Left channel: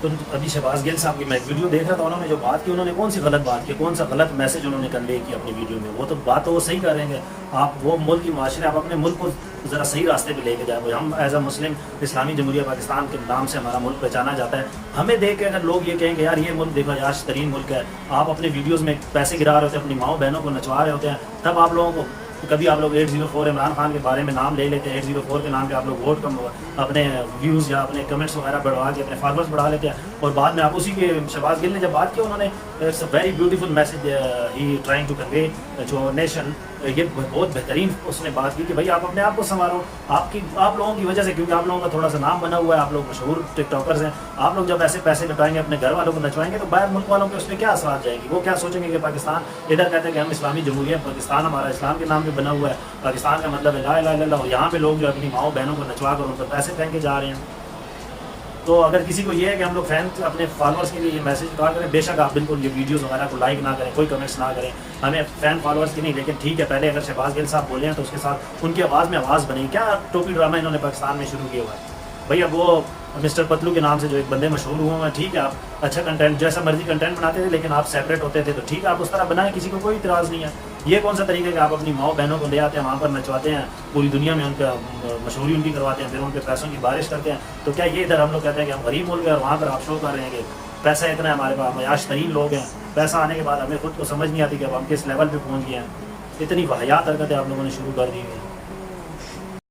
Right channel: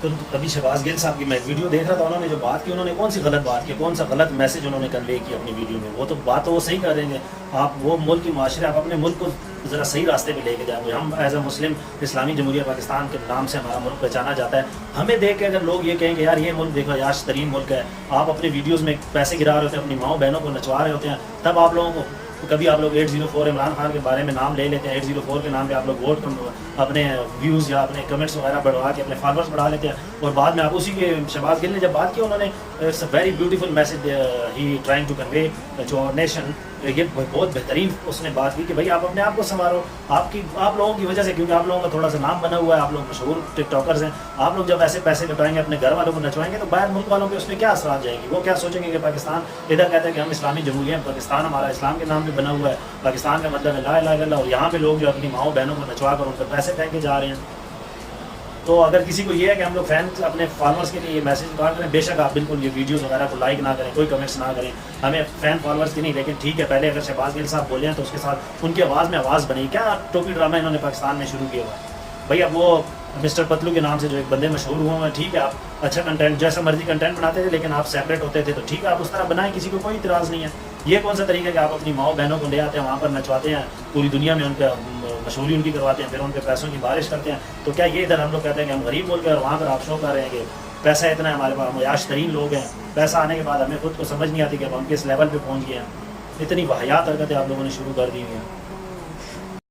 تو ابھی شہباز گل صاحب کی میں ویڈیو دیکھ رہا تھا، انہوں نے جو بات کی، انہوں نے کون سی غلط بات کی، کون سا غلط میسج انہوں نے کنوے کیا اپنی ویڈیو میں؟ وہ تو بات تو وہ صحیح کر رہے ہیں. آپ وہ ملک کی معاشرے، آپ اپنے ملک کو ذرا صحیح راستے پہ لے کے جائیں. ہم ایز اے مسلم اسلامی جمہوریہ پاکستان کے نام سے ہمارا ملک پہچانا جاتا ہے. ہمیں دیکھ کے اگر لوگ یہ کہیں کہ یار یہ ملک دیکھو عیاش ترین ملک ہے، آپ اپنے ویڈیوز میں پیسے گرا رہے ہوتے ہیں، اپنی ماؤں بہنوں کو نچوا رہے ہوتے ہیں، تب آپ لوگوں کو کبھی آپ لوگ 804 عمران خان کے بارے میں نام لے لیتے ہیں، 804 کے نام پہ آپ لوگ ووٹ اپنے ویوز یا اپنے کمنٹس وغیرہ بڑھوا کے اپنے فالوورس بڑھا لیتے ہیں، اور بعد میں آپ اسی کے شہباز گل نے جب بات کی، انہوں نے it's a very beautiful message ہی trying to convey to our nation. یہ بہت بہترین اس نے بات کی کہ بھائی آپ اپنے آپ کو سنوارو. آپ لوگوں کی وجہ سے، کیونکہ آپ لوگوں کا تھوڑا سا نام بنا ہوا ہے، آپ لوگ مشہور ٹک ٹاکرز ہیں، آپ لوگ جب ایسے پیسے لٹائیں گے، اپنے گھر والوں کو نچوائیں گے، تو باہر ملک والوں کے اس میں کیا اثرات جائیں گے؟ وہ کیا سوچیں گے کہ پاکستان ادھر کہتے ہیں کہ ہم اسلامی جمہوریہ، پاکستان ہمارا اسلام کے نام پہ بنا ہوا ہے، پاکستان کا مطلب ہے لا الہ الا اللہ، اور یہاں پہ لوگ جو اپنی ماؤں بہنوں کو نچوا کر ان پر پیسے پھینکے جا رہے ہیں. تو اگر کسی کو یہ ہے کہ ہم لوگ فینس اپنے فالوورس کے لیے یہ میسج پاس کریں، بے شک آپ بالکل یہ ویڈیوز وغیرہ کو لائک نہ کریں، کوئی کمنٹس نہ کریں، ہمیں فین فالوورس کی نہیں، لیکن ٹھیک ہے پہلے اگر شہباز گل صاحب بولے ہیں تو اس کے ساتھ ان کی آواز میں آواز بنی. کیا ٹوپی ڈرامہ انہوں نے پاکستان میں شروع کیا ہوا ہے بھائی؟ اب وہ مسٹر پتلو کے نام سے جو ایک بندے مشہور ہوئے ہیں، ٹھیک ہے آپ اچھا کنٹینٹ جیسا مرضی کنٹینٹ بناتے تھے، لیکن آپ سیپریٹ ہوتے تھے، تو ٹھیک ہے آپ اس طرح بنائیں، کسی کو کوئی اعتراض نہیں ہے. یہ کون سا طریقہ ہے کہ آپ اپنی ماؤں بہنوں کو لے آتے ہیں، وہاں پر نچواتے ہیں، پوری دنیا میں ان کا مشہوری ان کی کرواتے ہیں، پھر ان کے پیسوں کی بارش کرتے ہیں؟ تو کیا یہ ادھر ہم لوگ کہتے ہیں کہ ہم غریب ملک ہیں، اور وہاں پر آپ شو کر رہے ہیں کہ پیسہ اتنا ہے ہمارے پاس، عیاش ترین لوگ ہیں؟ پیسہ آنے کے بعد ہمیں خود کو سمجھ نہیں آتی کہ اب ہم کس لیول پہ پہنچ گئے ہیں. اتنی واہیات حرکتیں آپ لوگوں نے شروع کر دی ہیں.